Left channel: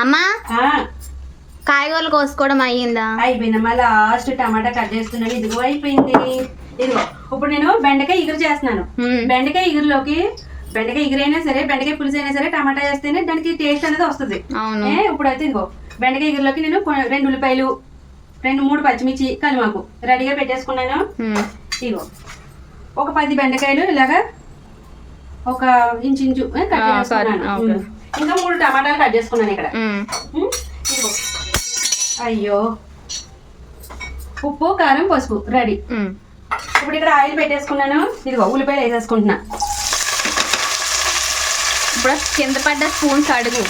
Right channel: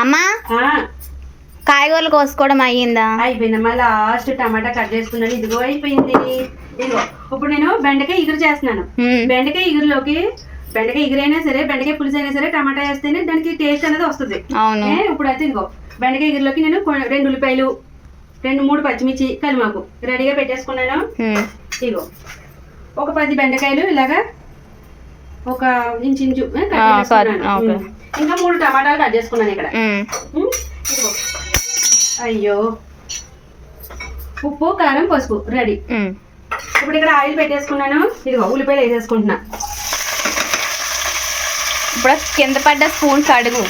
అమ్మా కాయగూరలు కోసుకోవడం అయ్యిందా? అయిపోయిందమ్మా. లాస్ట్ టమాటా కట్ చేసుకున్నాను. ఇదిగో అయిపోయింది. ఇదిగో ఇప్పుడు నేను బెండకాయ ఇగురు చేస్తున్నాను. బెండకాయ ఇగురులోకి బెండకాయ ఇగురైనా సరే, బెండకాయ పులుసు అయినా సరే టమాటా వేస్తేనే దానికి టేస్ట్ అనేది వస్తుంది. ఇప్పుడైతే ఇదిగో బెండకాయ ఇగురులోకి నేను 2 ఉల్లిపాయలు, 2-3 పచ్చిమిర్చి, కలిమాకు రెడీగా పెట్టేసుకున్నాను. ఇదిగో ఒక 10 బెండకాయలు ఇలాగా ఒక ఇంచు కట్ చేసుకున్నాను. ఇంకా 3 టమాటాలు కట్ చేసుకున్నాను ఇక్కడ. ఇదిగో అయ్యో ఉప్పు, కారం, పసుపు రెడీ. ఇప్పుడు ఇక్కడ ఆయిల్ పెట్టేసుకున్నాను. ఇదిగో ఉల్లిపాయలు వేసేసుకుంటున్నా. ఇప్పుడు కింద పడ్డ స్పూన్ కడుగు.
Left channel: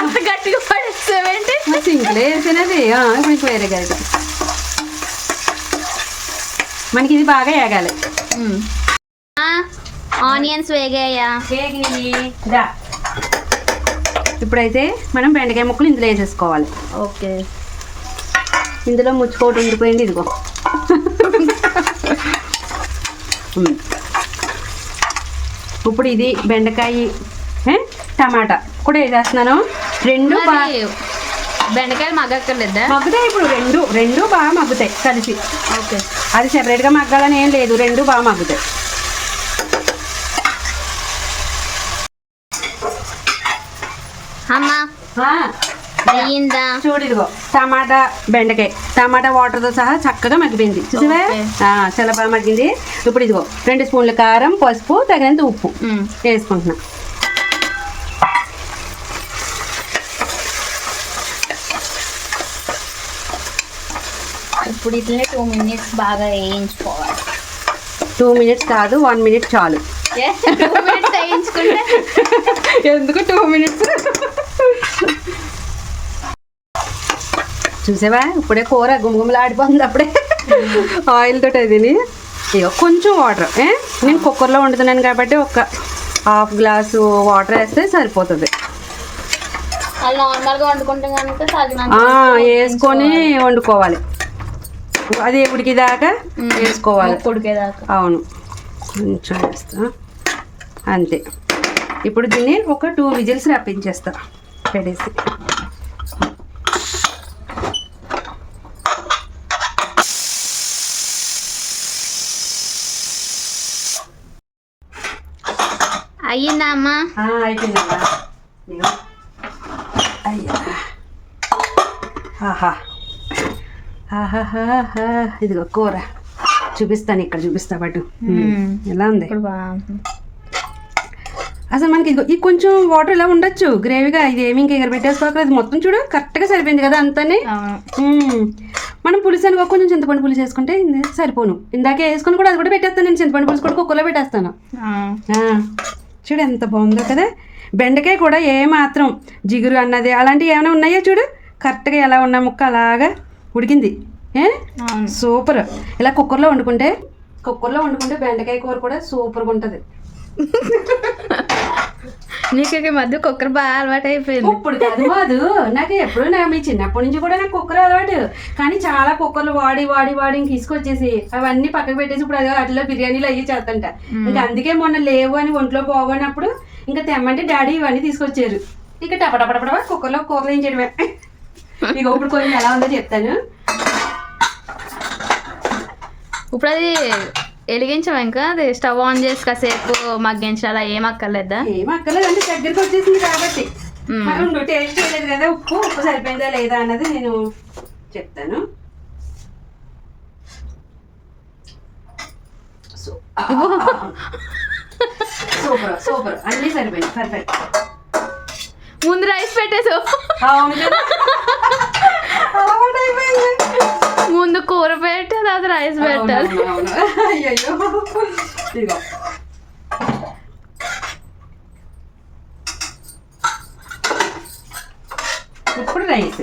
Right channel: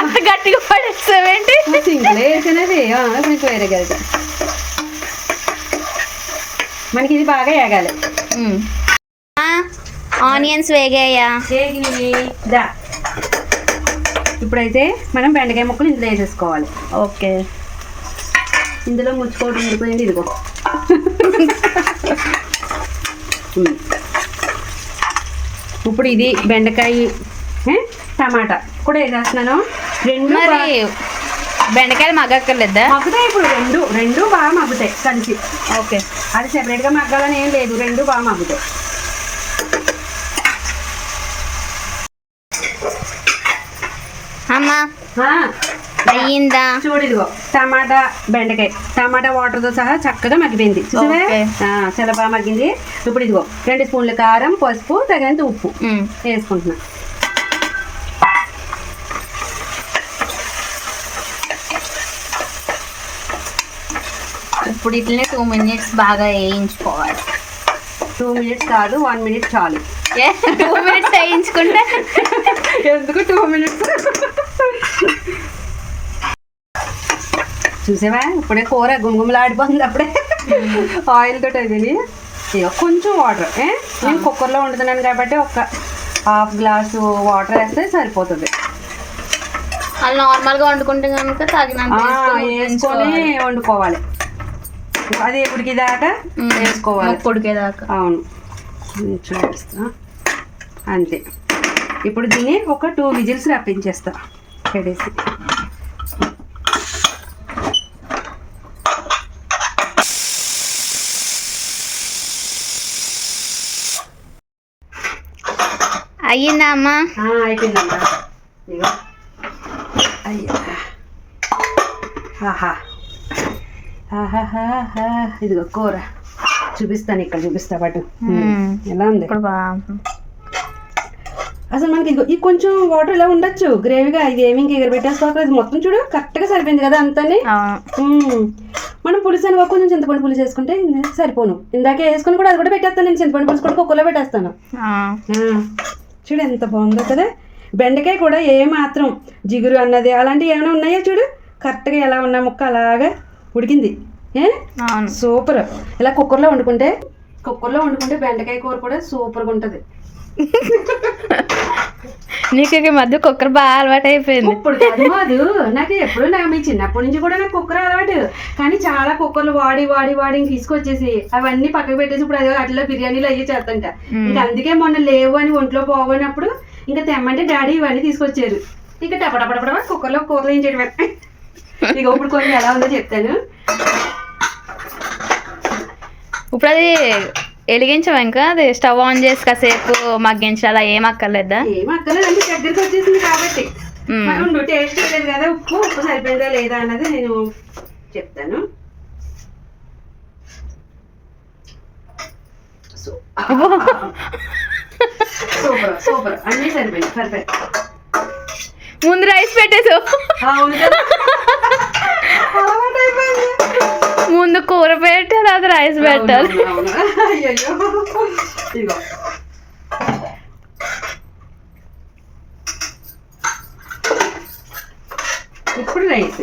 అంత గట్టిగా పడేస్తావేంటి? సింగిల్ వేసినవి ఇప్పుడు వేరే వెళ్తా. మనకి ఇది బాగా వేగాలి. ఆనియన్స్ వేగాయా? దా ఇప్పుడైతే మనం బెండకాయ ముక్కలు ఇందులో వేసేసుకోవాలి. ఓకే. ఇందులో ముచ్చుకోవటం ఉండిపోయింది. ఇదిగో ఇప్పుడు ఇది బెండకాయ టమాటా కూడా వేసేస్తున్నాను. 2 బెండకాయలు మగ్గక్కర్లేదా? మగ్గుతాయి. ఇప్పుడు రెండు బాగా మగ్గుతాయి కలిసి. ఓకే. అది సెపరేట్గా మగ్గాలని ఏం లేదు, 2 బాగా మగ్గుతాయి. అమ్మా అయ్యిందా? చూడు ఇదిగో టమాటా బెండకాయ టమాటా వాటర్తో సహా చక్కగా మగ్గిపోయింది. చూసావా? చాలా బాగా మగ్గింది. ఇప్పుడు ఇదిగో 2 స్పూన్ల కారం, పసుపు, తగినంత ఉప్పు వేసుకుంటున్నా. ఇప్పుడు ఇట్లనే 2 minutes బాగా వేయించుకోవాలి. 2 minutes కాదు, 1 minute చాలు. 2 minutes వేయించుకుంటే ఎందుకు 2 minutes? చూసావా ఇప్పుడే కూర గుమగుమలాడిపోతుంది. అప్పుడే ఆయిల్ తోటి అది. ఇక కొంచెం వాటర్, నేను కుక్కర్లో వండుతున్నాను కాబట్టి ఒక 1/2 గ్లాసు వాటర్ వేస్తే సరిపోతుంది. అది నార్మల్గా వండుకుంటే కనుక తగినంత వేసుకొని వండుకోవాలి. అది ఉడికేదాకా వేసుకోవాలి. ఉడికేదాకా. అవును, కొంచెం వేస్తా అంతే. ఇప్పుడు దీన్ని ఒక 2 విజిల్స్ రప్పించేస్తా పెట్టేసి. అయ్యిందా అమ్మా? అయిపోయిందమ్మా. అయ్యా ఇదిగో కూర చూపిస్తాను. ఇక్కడ చూపిస్తా పాటు ఎలా ఉంది. అసలు మనకి ఇది కొంచెం వాటర్ ఇలా ఉండొచ్చు గ్రేవీగా. ఇది ఏమి ఇంకా ఎగర పెట్టేసుకోవాలి. అది మొత్తం చూడు కరెక్ట్గా సరిపోయింది కదా అంతని. మనం పులుసు అనుకో కొంచెం చింతపండు పులుసు వేసుకుంటే సరిపోను. ఇందాకే వేసుకుని కూడా అది కూడా పెట్టేస్తాను. నేను చింతపండు పులుసు కూడా కుక్కర్లో పెట్టేస్తాను. చూడు ఎంత బాగుందో కదా. బెండకాయ కూడా ఏమాత్రం జిగురు అన్నది అలాంటివి ఏమైనా ఉన్నాయో చూడు. కరెక్ట్గా ఎలా ఉన్న ముక్క అలాగా ఉడికింది. సూపర్. ఇలా కుక్కర్లో వండుకుంటే బెండకాయ కూర కూడా సూపర్గా ఉంటుంది. నీకు ఈ మధ్య కుక్కర్ బాగా అలవాటు అయిపోయింది. ఇప్పుడు కాదు మాదు, నాకు ఎప్పుడు మీ చిన్నప్పటి నుంచి కూడా నాకు కుక్కర్ అలవాటు. కానీ చాలా కుక్కర్లు వాడి ఇంక తీసుకొచ్చేసి అవన్నీ పక్కకు పెట్టేసి ఇప్పుడు అదే అట్లా బిర్యానీలు అయ్యి చేస్తంట. ఇంకా అందుకే మొన్న లేవు అని ఒంట్లో పోగొన్నప్పుడు ఇంకా తెమ్మంటే డాడీ ఇవన్నీ తీసుకొచ్చారు. ఇక టపటపడపడ కుక్కర్లో కూరలు ఏం చేయడమే. ఇక ఇప్పుడు కొంచెం ఎలా ఉందో చెప్తాను. ఇప్పుడు అది వెలిగించాం, ఇంకా అది స్టవ్ ఆన్ చేసి కాసేపు మగ్గించాలా? ఏం అక్కర్లేదా? ఏం అక్కర్లేదు అంటే దగ్గరికి వచ్చేసింది కాబట్టి. టేస్ట్ లేదు కదా, ఉప్పు సరిపోయిందా లేదా అన్నది నేను చెప్తాను. సూపర్ అన్నీ సరిపోయింది. పర్ఫెక్ట్. ముందు రైస్ పెట్టేసు. ముందు కూర పెట్టి తర్వాత రైస్ పెట్టాలి. ఇప్పుడు రైస్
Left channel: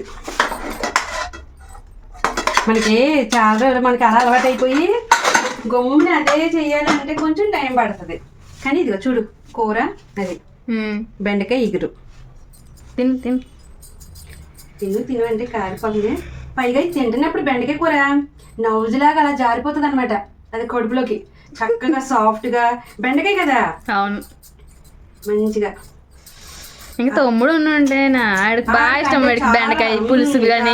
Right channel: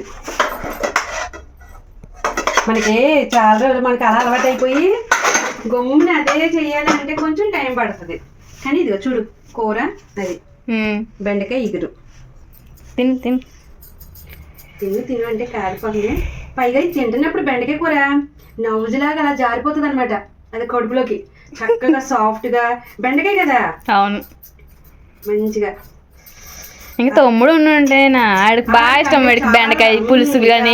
మనకి చాలా రోజులు మనకి అలా అలవాటు అయిపోయి గమ్ముని అదే చేయాలి అంటే కొంచెం టైం పడుతుంది. కానీ ఇదిగో చూడు కూర అది బెండకాయ ఇగురు. తిను తిను తిను తిను అంటే కారిపోతుంది. పైగా ఇది తింటున్నప్పుడు బెండకాయ కూర నవ్వులాగా అలా జారిపోతుంది అనమాట. అది కడుపులోకి చక్కగా సాఫ్ట్గా. బెండకాయ కదా. అవును. మంచిగా. ఇంకా తమ్ముడు ఉంటే ఆడికి బాగా ఇష్టం. వాడికి బెండకాయ పులుసులు కానీ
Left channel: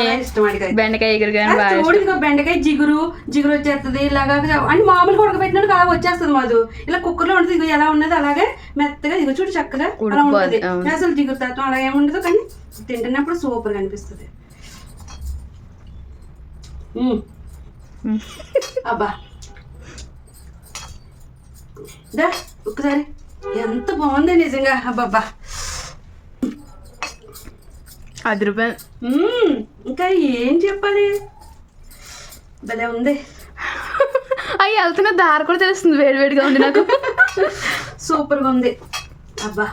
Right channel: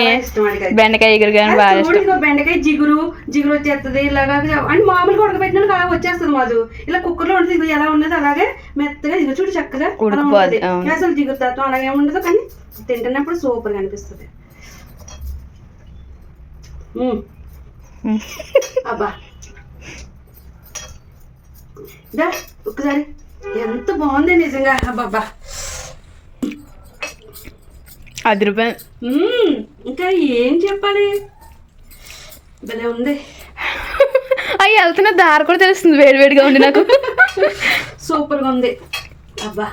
బెండకాయ ఎగురు కానీ బాగా చూడు ఇదిగో బెండకాయ జిగురు వచ్చేస్తుంది ఇలాగా. అంటే మామూలుగా ఉడకబెట్టినట్టు అలా వచ్చేస్తుంది మాది. ఇలా కుక్కర్లో ఉంటుంది ఇదిగో ఎలా ఉన్నది అలాగే మెత్తగా ఇదిగో చూడు చక్కగా ఉడికిపోద్ది. అసలు జిగురు తత్వం అలాగే ఉండదు, కానీ తింటున్నప్పుడు సూపర్గా అనిపిస్తుంది. అబ్బా దా ఒక్కసారి ఎంత బాగుంది నిజంగా. అబ్బాబ్బా ₹10. ఇంకా ఏం చెప్పాలి, భలే ఉంది. అవి వెళ్తున్న దారి కూడా తెలుస్తుంది వేడివేడిగా ఉంది నాకు. సూపర్గా ఉంది. అబ్బా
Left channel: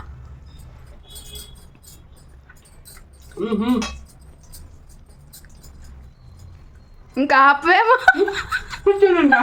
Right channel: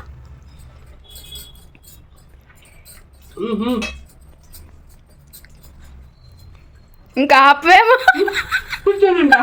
ఇంకా ఆపేమో కూర్చోనండి.